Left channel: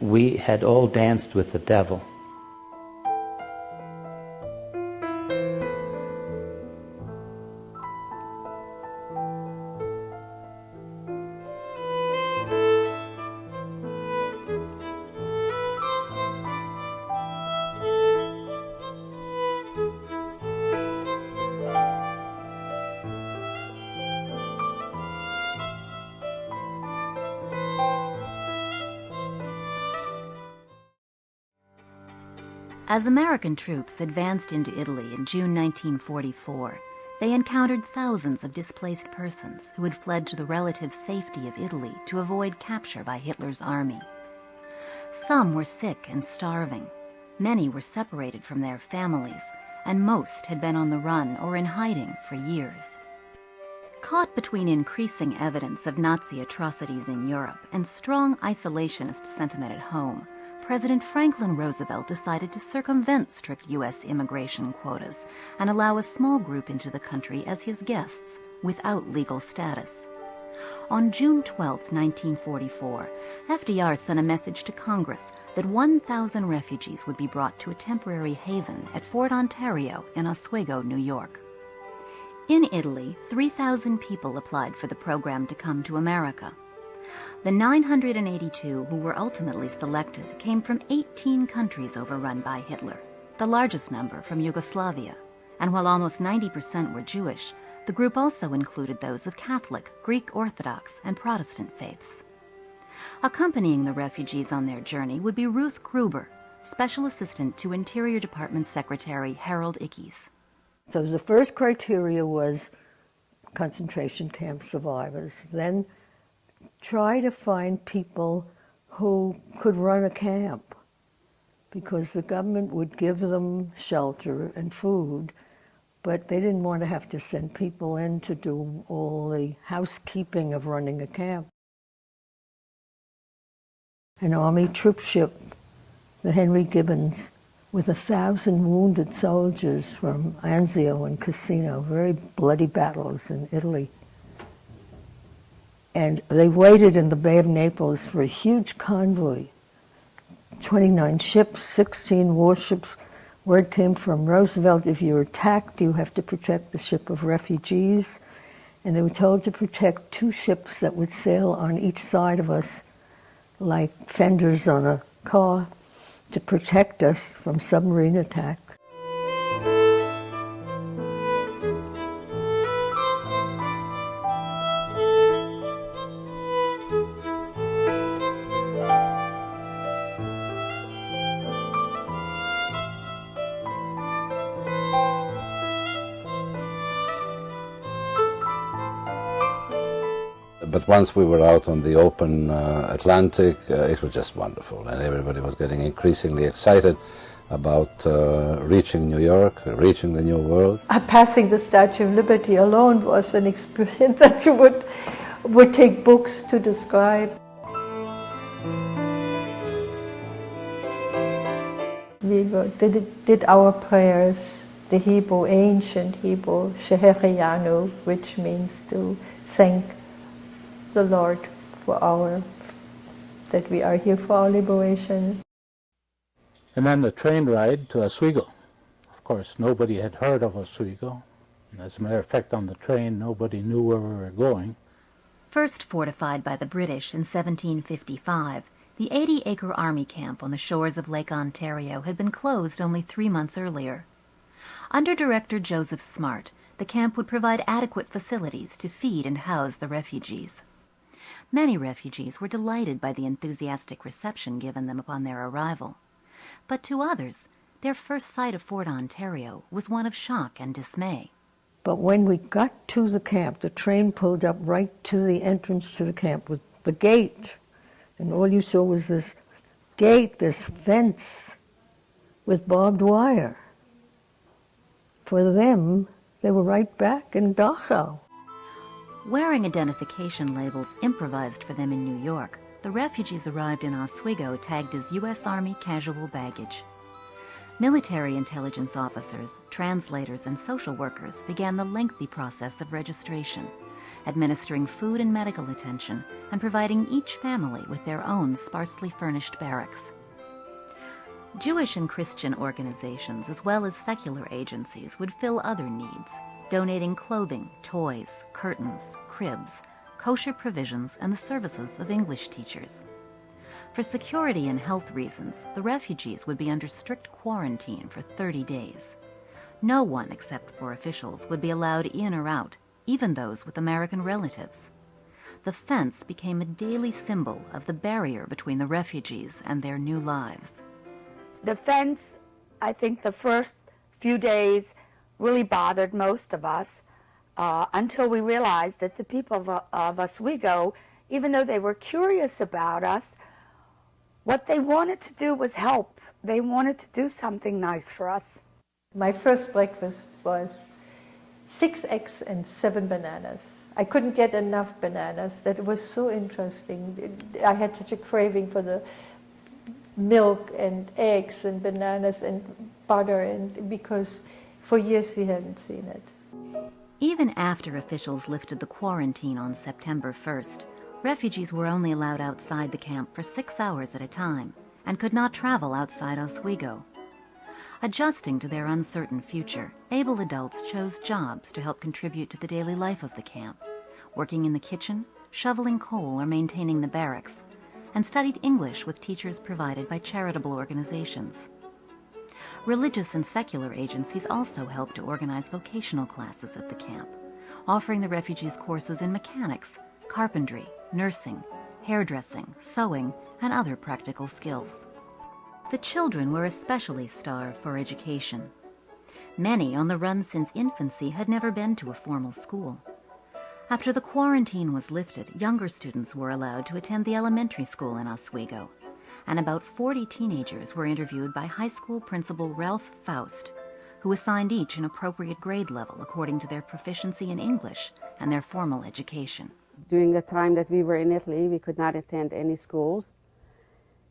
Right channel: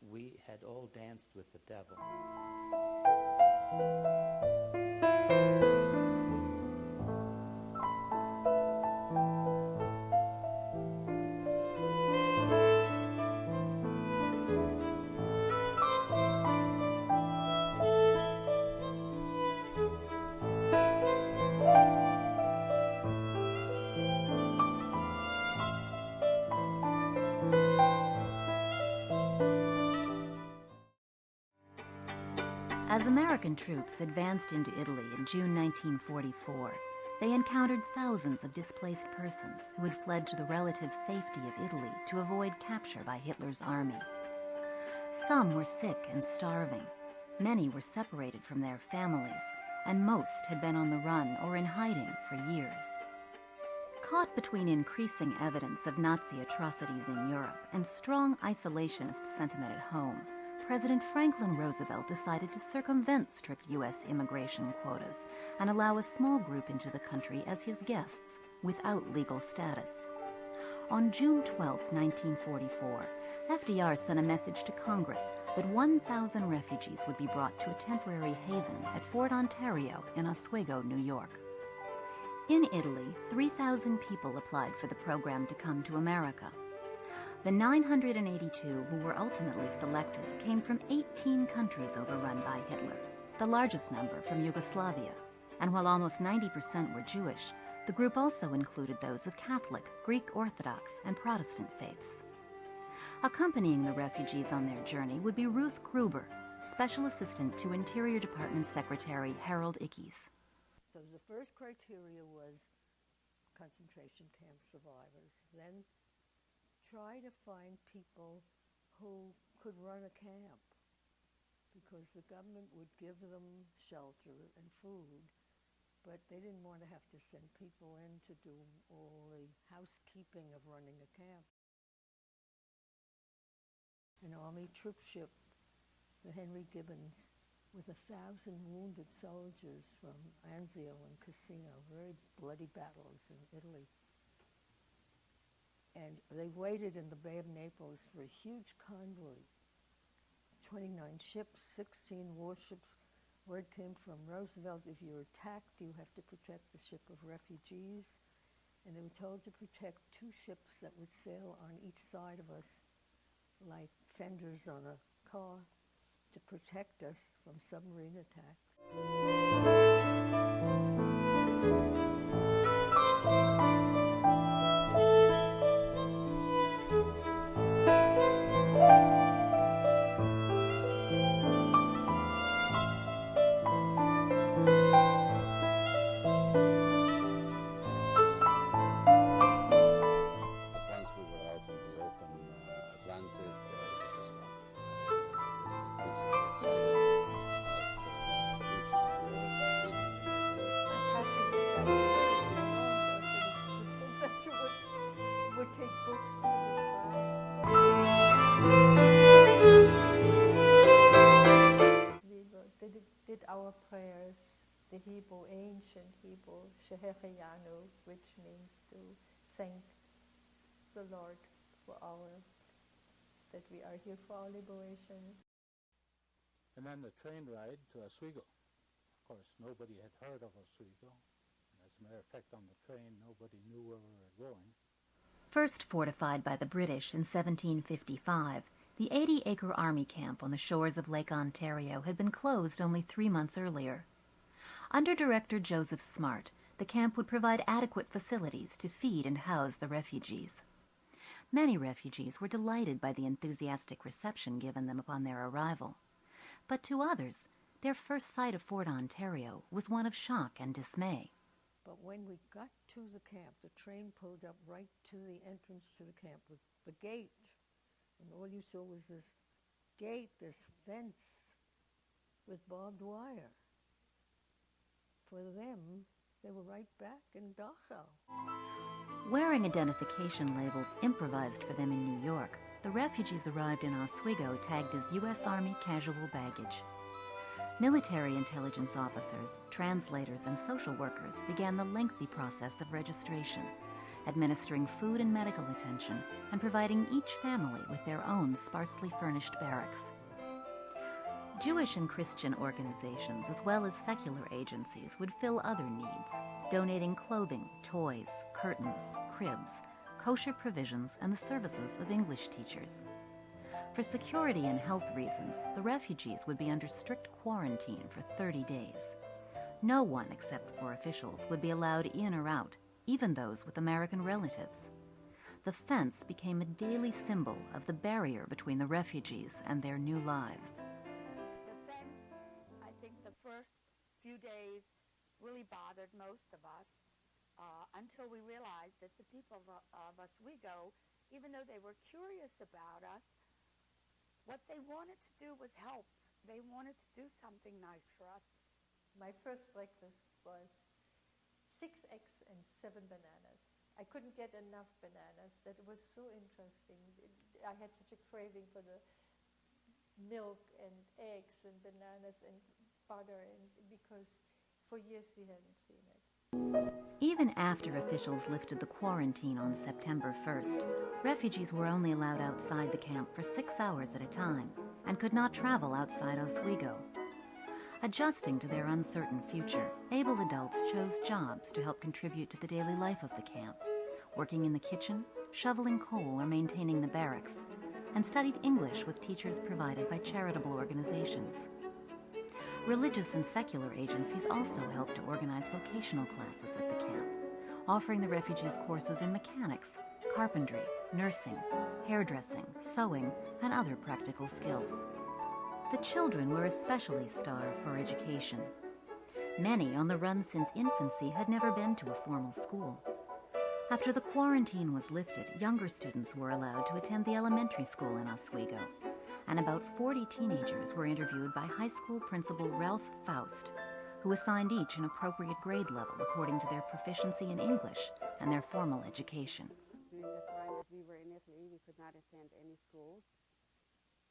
we had all danced with the devil. As American troops advanced into Italy in June 1944, they encountered thousands of displaced persons who had fled to the relative safety of Italy to avoid capture by Hitler's army. Some were sick and starving, many were separated from their families, and most had been on the run or in hiding for years. Caught between increasing evidence of Nazi atrocities in Europe and strong isolationist sentiment at home, President Franklin Roosevelt decided to circumvent strict U.S. immigration quotas and allow a small group into the country as his guests without legal status. On June 12, 1944, FDR sent a message to Congress that 1,000 refugees would be brought to a temporary haven at Fort Ontario in Oswego, New York. In Italy, 3,000 people applied for the program to come to America. The 982 who were ultimately selected came from 18 countries overrun by Hitler, the largest number from Yugoslavia. And while almost 90% were Jewish, the group also included those of Catholic, Greek Orthodox, and Protestant faiths. Accompanying the refugees on their journey would be Ruth Gruber, Special Assistant to Interior Department Secretary Harold Ickes. So the first criteria was concentration camp survivors. Then try to find people who could run a camp, because the government would give them shelter and food, but they didn't want to have to send people in to do all the housekeeping of running a camp. An Army troop ship, the Henry Gibbons, with 1,000 wounded soldiers from Anzio and Cassino, very bloody battles in Italy. And they waited in the Bay of Naples for a huge convoy, 29 ships, 16 warships. Word came from Roosevelt, if you're attacked, you have to protect the ship of refugees. And they were told to protect 2 ships that would sail on each side of us like fenders on a car to protect us from submarine attack. But once we were out on the open Atlantic, it was just wonderful, and everybody was getting increasingly excited about reaching New York, reaching the New World. Passing the Statue of Liberty alone was an experience that you would take books to describe. We did our prayers, the Hebrew, ancient Hebrew, Sheherianu, which means to thank the Lord for that we are here for our liberation. And then the train ride to Oswego. Of course, nobody had heard of Oswego. As a matter of fact, on the train, nobody knew where we were going. First fortified by the British in 1755, the 80-acre army camp on the shores of Lake Ontario had been closed only 3 months earlier. Under Director Joseph Smart, the camp would provide adequate facilities to feed and house the refugees. Many refugees were delighted by the enthusiastic reception given them upon their arrival. But to others, their first sight of Fort Ontario was one of shock and dismay. But when we got to the camp, the train pulled up right to the entrance to the camp with the gate. And all you saw was this gate, this fence with barbed wire. For them, they were right back in Dachau. Wearing identification labels improvised for them in New York, the refugees arrived in Oswego tagged as U.S. Army casual baggage. Military intelligence officers, translators, and social workers began the lengthy process of registration, administering food and medical attention and providing each family with their own sparsely furnished barracks. Jewish and Christian organizations, as well as secular agencies, would fill other needs, donating clothing, toys, curtains, cribs, kosher provisions, and the services of English teachers. For security and health reasons, the refugees would be under strict quarantine for 30 days. No one except for officials would be allowed in or out, even those with American relatives. The fence became a daily symbol of the barrier between the refugees and their new lives. The fence, I think the first few days really bothered most of us until we realized that the people of Oswego, even though they were curious about us, what they wanted to do was help. They wanted to do something nice for us. My first breakfast was 6 eggs and 7 bananas. I couldn't get enough bananas. That was so interesting. I had such a craving for the milk and eggs and bananas and butter, and because for years we hadn't seen it. Even after officials lifted the quarantine on September 1st, refugees were only allowed outside the camp for 6 hours at a time and could not travel outside Oswego. Adjusting to their uncertain future, able adults chose jobs to help contribute to the daily life of the camp, working in the kitchen, shoveling coal, or maintaining the barracks, and studied English with teachers provided by charitable organizations. Religious and secular agencies also helped to organize vocational classes at the camp, offering the refugees courses in mechanics, carpentry, nursing, hairdressing, sewing, and other practical skills. The children were especially starved for education. Many on the run since infancy had never been to a formal school. After the quarantine was lifted, younger students were allowed to attend the elementary school in Oswego, and about 40 teenagers were interviewed by high school principal Ralph Faust, who assigned each an appropriate grade level according to their proficiency in English and their formal education. During the time that we were in Italy, we could not attend any schools.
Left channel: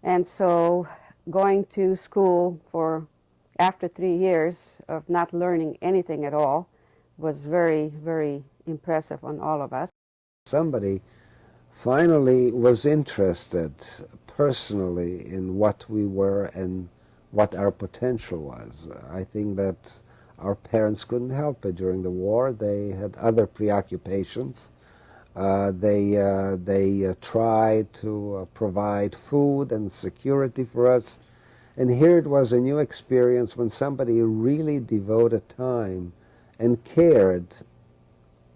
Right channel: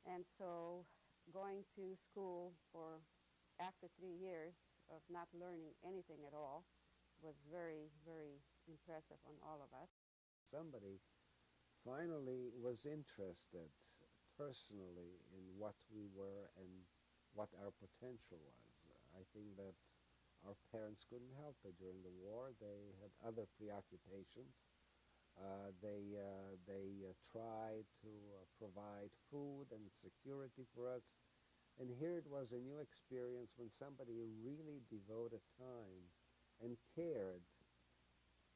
And so going to school for after 3 years of not learning anything at all was very, very impressive on all of us. Somebody finally was interested personally in what we were and what our potential was. I think that our parents couldn't help it during the war. They had other preoccupations. They tried to provide food and security for us. And here it was a new experience when somebody really devoted time and cared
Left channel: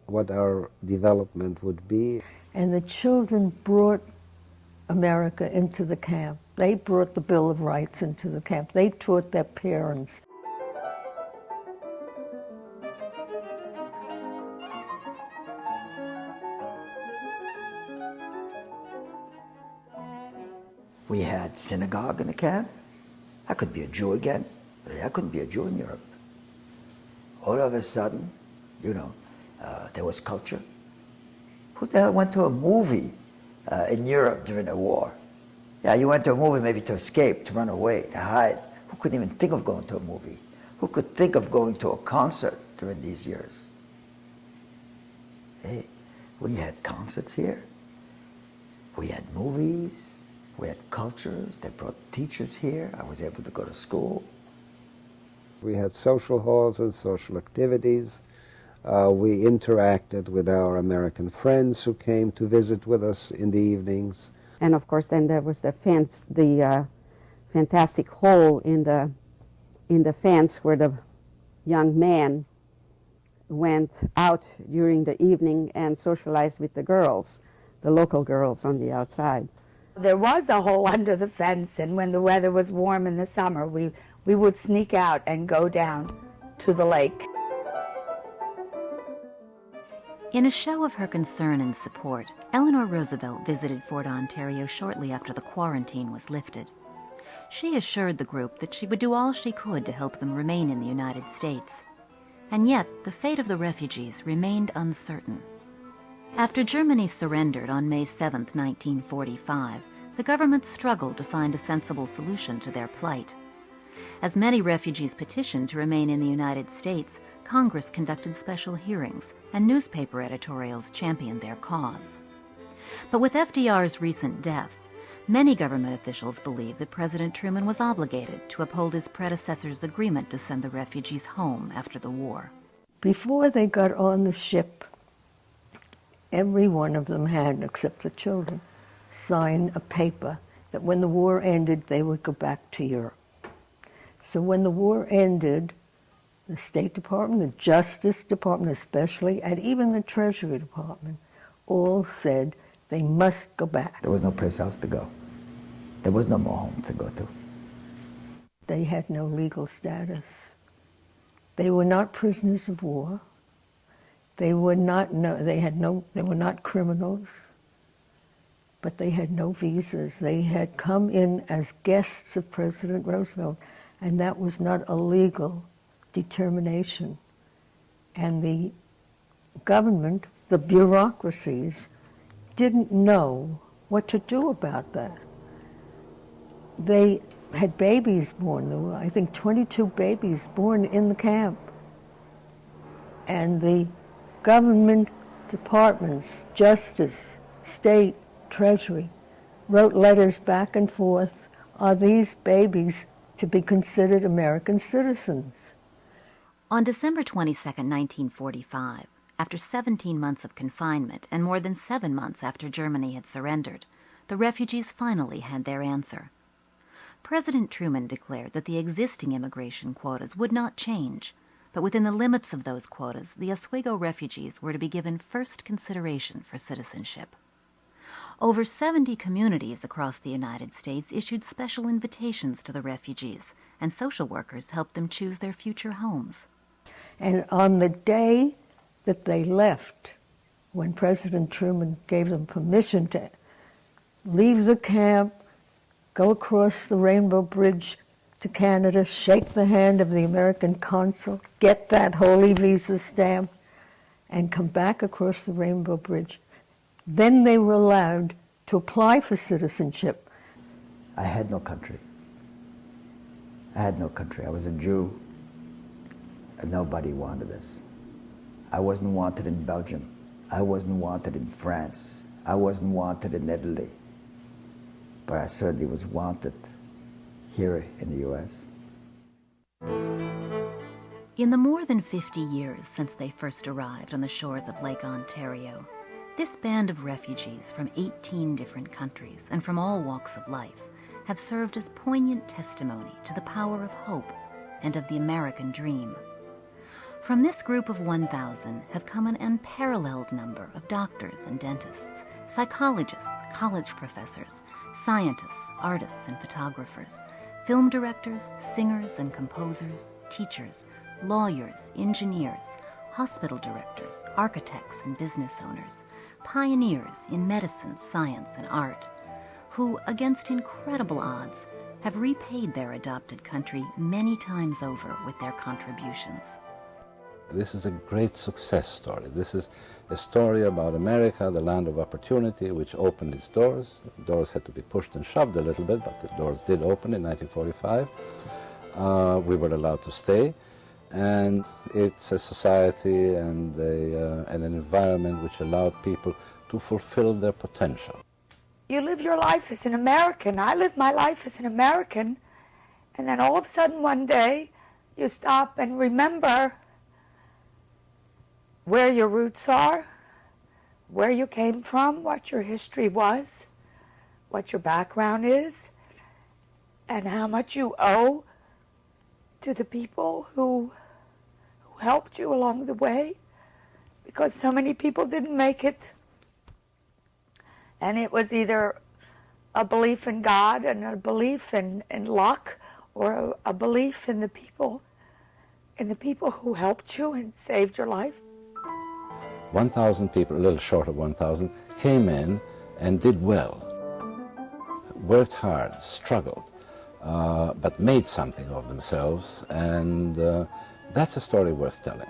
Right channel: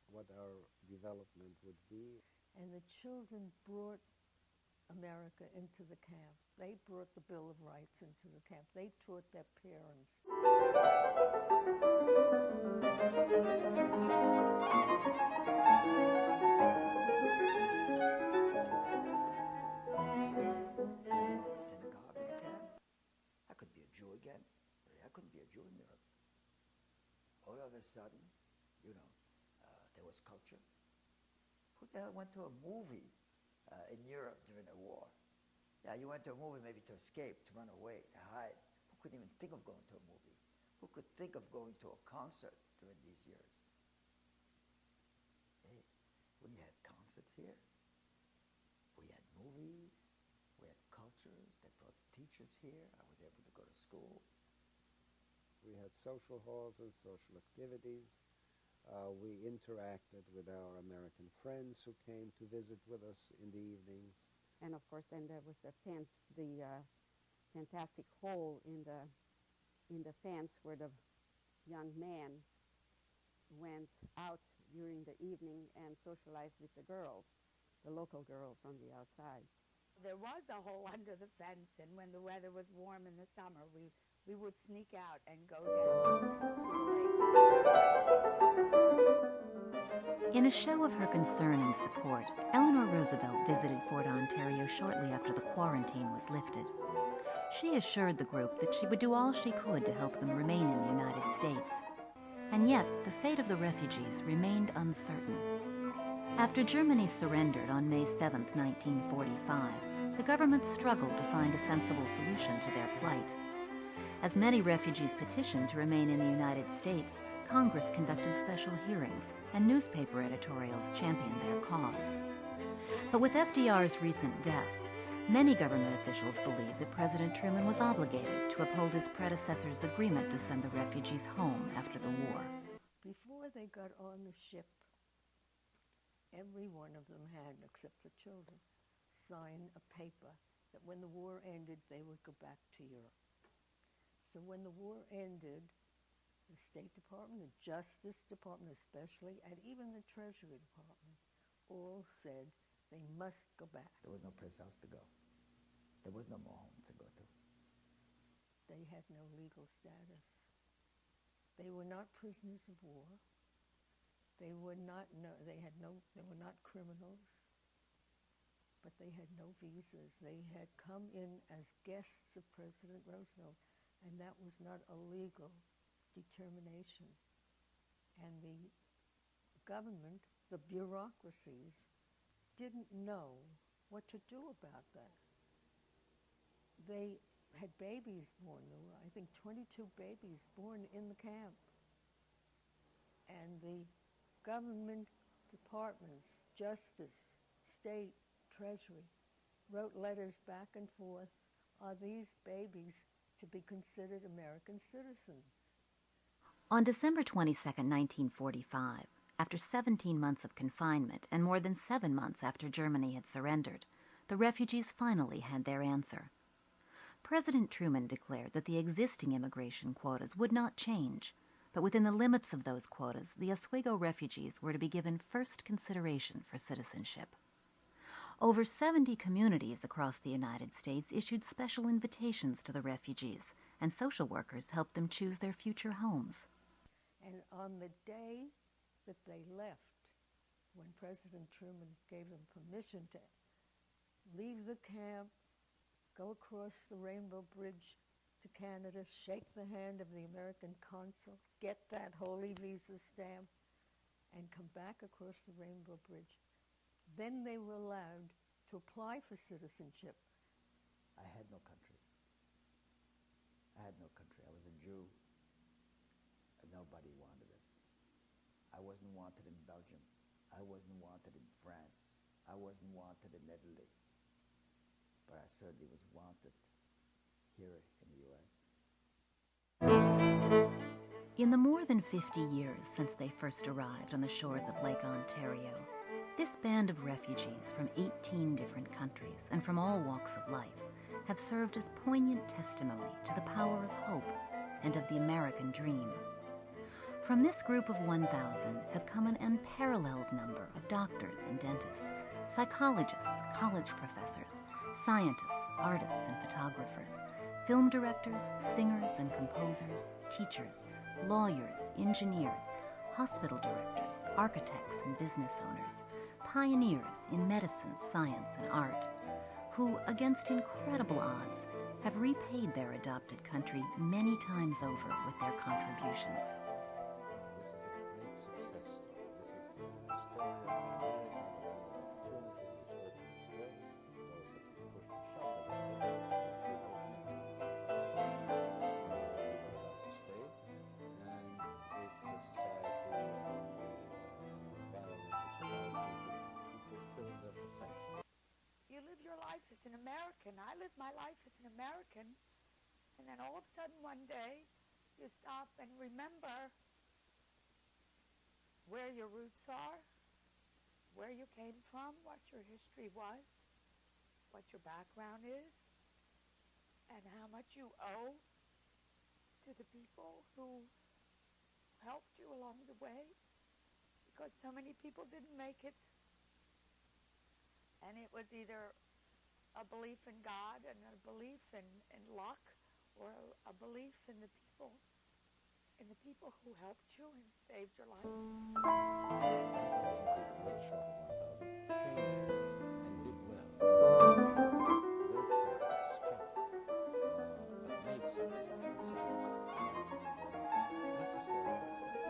what our development would be. And the children brought America into the camp. They brought the Bill of Rights into the camp. They taught their parents. We had synagogue in the camp. I could be a Jew again. I couldn't be a Jew in Europe. All of a sudden, there was culture. Who the hell went to a movie in Europe during the war? Yeah, you went to a movie maybe to escape, to run away, to hide. Who couldn't even think of going to a movie? Who could think of going to a concert during these years? Hey, we had concerts here. We had movies. We had cultures. They brought teachers here. I was able to go to school. We had social halls and social activities. We interacted with our American friends who came to visit with us in the evenings. And of course, then there was the fence, the fantastic hole in the fence where the young man went out during the evening and socialized with the girls, the local girls on the outside. There was a hole under the fence, and when the weather was warm in the summer, we would sneak out and go down to the lake. In a show of her concern and support, Eleanor Roosevelt visited Fort Ontario shortly after the quarantine was lifted. She assured the group that she would do all she could to help them remain in the United States. And yet, the fate of the refugees remained uncertain. After Germany surrendered on May 7, 1945, the government struggled to find a sensible solution to their plight. As many refugees petitioned to remain in the United States, Congress conducted special hearings and newspaper editorials championed their cause. But with FDR's recent death, many government officials believe that President Truman was obligated to uphold his predecessor's agreement to send the refugees home after the war. Before they got on the ship, every one of them had, except the children, signed a paper that when the war ended, they would go back to Europe. So when the war ended, the State Department, the Justice Department especially, and even the Treasury Department, all said they must go back. There was no place else to go. There was no more home to go to. They had no legal status. They were not prisoners of war. They were not criminals, but they had no visas. They had come in as guests of President Roosevelt, and that was not a legal determination. And the government, the bureaucracies, didn't know what to do about that. They had babies born. There were, I think, 22 babies born in the camp. And the government departments, Justice, State, Treasury, wrote letters back and forth. Are these babies to be considered American citizens? On December 22, 1945, after 17 months of confinement and more than 7 months after Germany had surrendered, the refugees finally had their answer. President Truman declared that the existing immigration quotas would not change, but within the limits of those quotas, the Oswego refugees were to be given first consideration for citizenship. Over 70 communities across the United States issued special invitations to the refugees, and social workers helped them choose their future homes. And on the day that they left, when President Truman gave them permission to leave the camp, go across the Rainbow Bridge to Canada, shake the hand of the American consul, get that holy visa stamp, and come back across the Rainbow Bridge, then they were allowed to apply for citizenship. I had no country. I had no country. I was a Jew, and nobody wanted us. I wasn't wanted in Belgium. I wasn't wanted in France. I wasn't wanted in Italy. But I certainly was wanted here in the U.S. In the more than 50 years since they first arrived on the shores of Lake Ontario, this band of refugees from 18 different countries and from all walks of life have served as poignant testimony to the power of hope and of the American dream. From this group of 1,000 have come an unparalleled number of doctors and dentists, psychologists, college professors, scientists, artists and photographers, film directors, singers and composers, teachers, lawyers, engineers, hospital directors, architects and business owners, pioneers in medicine, science, and art, who, against incredible odds, have repaid their adopted country many times over with their contributions. This is a great success story. This is a story about America, the land of opportunity, which opened its doors. The doors had to be pushed and shoved a little bit, but the doors did open in 1945. We were allowed to stay, and it's a society and an environment which allowed people to fulfill their potential. You live your life as an American. I live my life as an American, and then all of a sudden one day you stop and remember where your roots are, where you came from, what your history was, what your background is, and how much you owe to the people who helped you along the way, because so many people didn't make it. And it was either a belief in God and a belief in luck, or a belief in the people who helped you and saved your life. 1,000 people, a little short of 1,000, came in and did well, worked hard, struggled, but made something of themselves, and that's a story worth telling.